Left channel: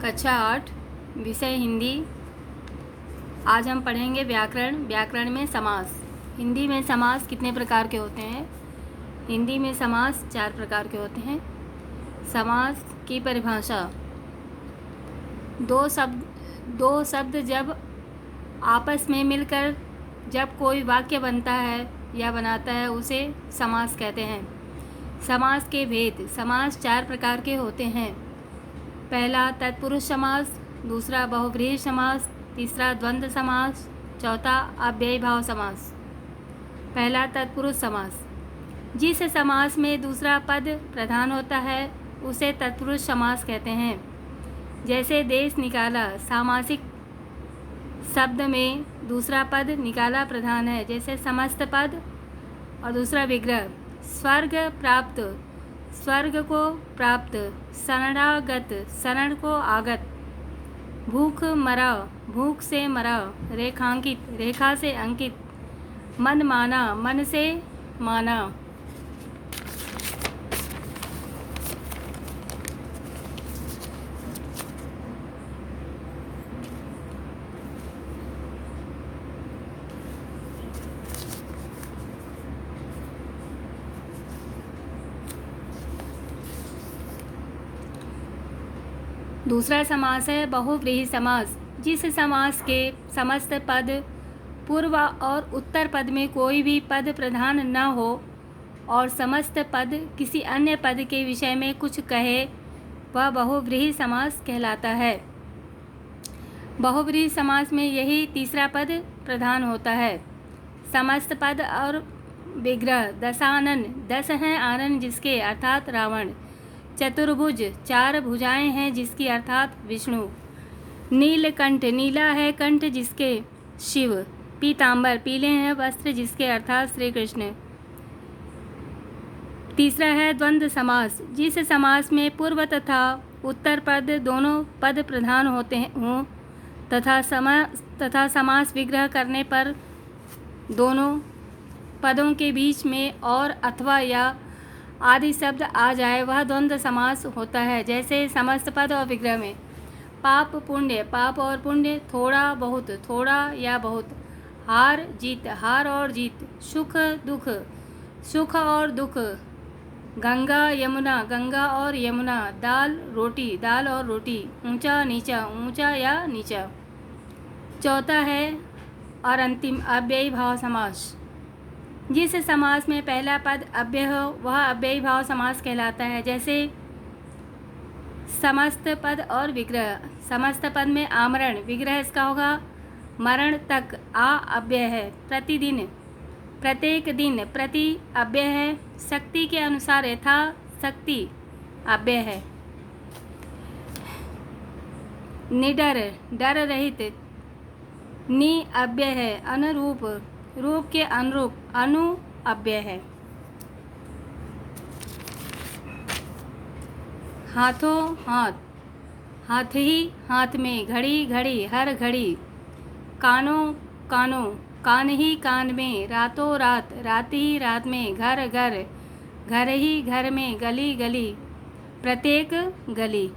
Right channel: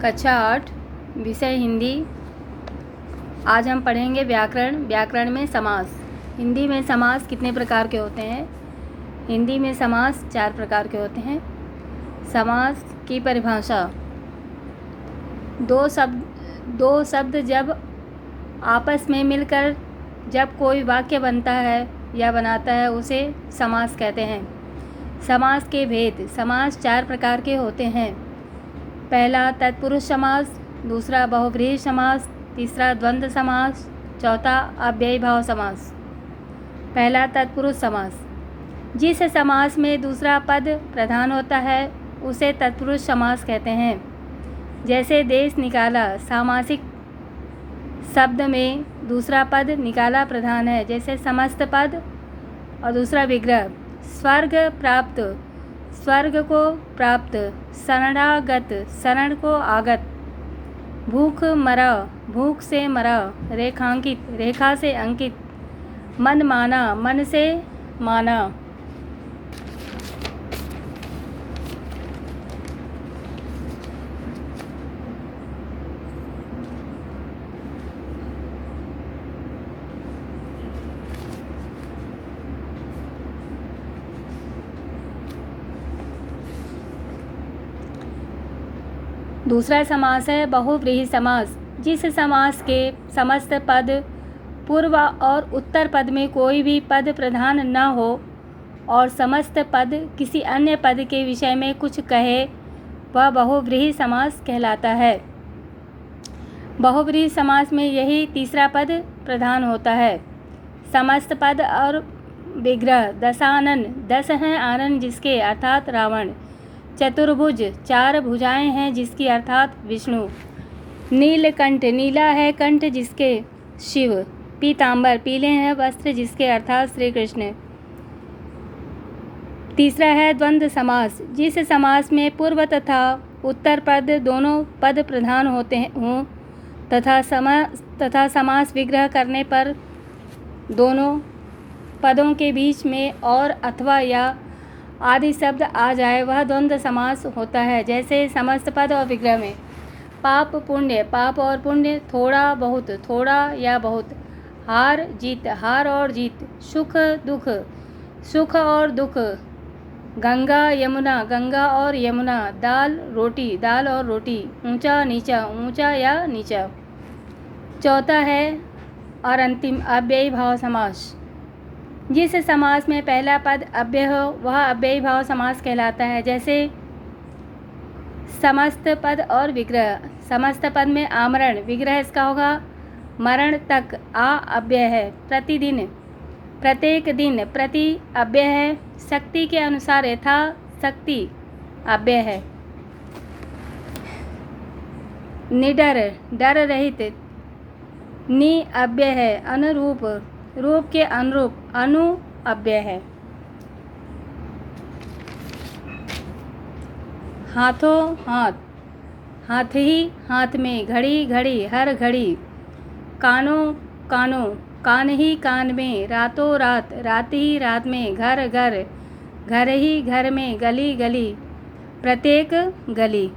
कक्षा 8 विषय हिंदी। आज हम पढ़ेंगे व्याकरण। व्याकरण में समास। हिंदी में समास कितने प्रकार के होते हैं? हिंदी में समास 4 प्रकार के होते हैं। समास की परिभाषा: दो शब्द जब आपस में मिलकर जब कोई वाक्य बनता है या बनाता है उसे समास कहते हैं। समास के भेद: समास 4 प्रकार के होते हैं। पहला तत्पुरुष समास, दूसरा बहुव्रीहि समास, तीसरा द्वंद्व समास, चौथा अव्ययीभाव समास। पहला तत्पुरुष समास: जिस समास में दूसरा पद प्रधान होता है उसे तत्पुरुष समास कहते हैं। जैसे देश निकाला, सामासिक शब्द में दूसरा पद निकाला प्रधान है। जैसे समस्त पद और दूसरा विग्रह। स्वर्ग प्राप्त, स्वर्ग को प्राप्त। शरणागत, शरण को आगत। भूख मरा, भूख से मरा। रेखांकित, रेखा से अंकित। मन माना, मन से माना। दूसरा समास है बहुव्रीहि समास। जिस समास के समस्त पद पूर्व और उत्तर पद में कोई भी पद प्रधान न हो और समस्त पद किसी अन्य पद के विषय में कुछ कहे वह बहुव्रीहि समास कहलाता है। बहुव्रीहि समास में यही तीसरा पद प्रधान होता है। समस्त पद और विग्रह। दशानन, 10 हैं आनन जिसके अर्थात रावण। चतुर्भुज, 4 भुजाएं हैं जिसकी अर्थात विष्णु। नीलकंठ, नीला है कंठ जिसके शिव। पीतांबर, पीले हैं वस्त्र जिसके अर्थात श्री कृष्ण। तीसरा है द्वंद्व समास। जिस समास में पूर्व तथा उत्तर पद दोनों पद प्रधान होते हों तथा समास विग्रह करने पर दोनों पदों के बीच में और अथवा या आदि शब्द आ जाए वह द्वंद्व समास होता है। जैसे समस्त पद और विग्रह में पाप पुण्य, पाप और पुण्य। थोड़ा बहुत, थोड़ा या बहुत। हार जीत, हार और जीत। सुख दुख, सुख और दुख। गंगा यमुना, गंगा और यमुना। दाल रोटी, दाल और रोटी। ऊंचा नीचा, ऊंचा या नीचा। चौथा है और अंतिम अव्ययीभाव समास। जिस समास में पहला पद अव्यय हो वह अव्ययीभाव समास कहलाता है। जैसे समस्त पद और विग्रह। समस्त पद में आमरण, विग्रह इसका होगा मरण तक। आ अव्यय है। प्रतिदिन, प्रत्येक दिन। प्रति अव्यय है। शक्ति के अनुसार यथा शक्ति अव्यय है। निडर, डर रहित। नि अव्यय है। अनुरूप, रूप के अनुरूप। अनु अव्यय है। हाथों हाथ, हाथ ही हाथ में। घड़ी घड़ी, हर घड़ी। कानों कानों, कान ही कान में। रातों रात, रात ही रात में। घर घर, घर ही घर में। गली गली, प्रत्येक गली।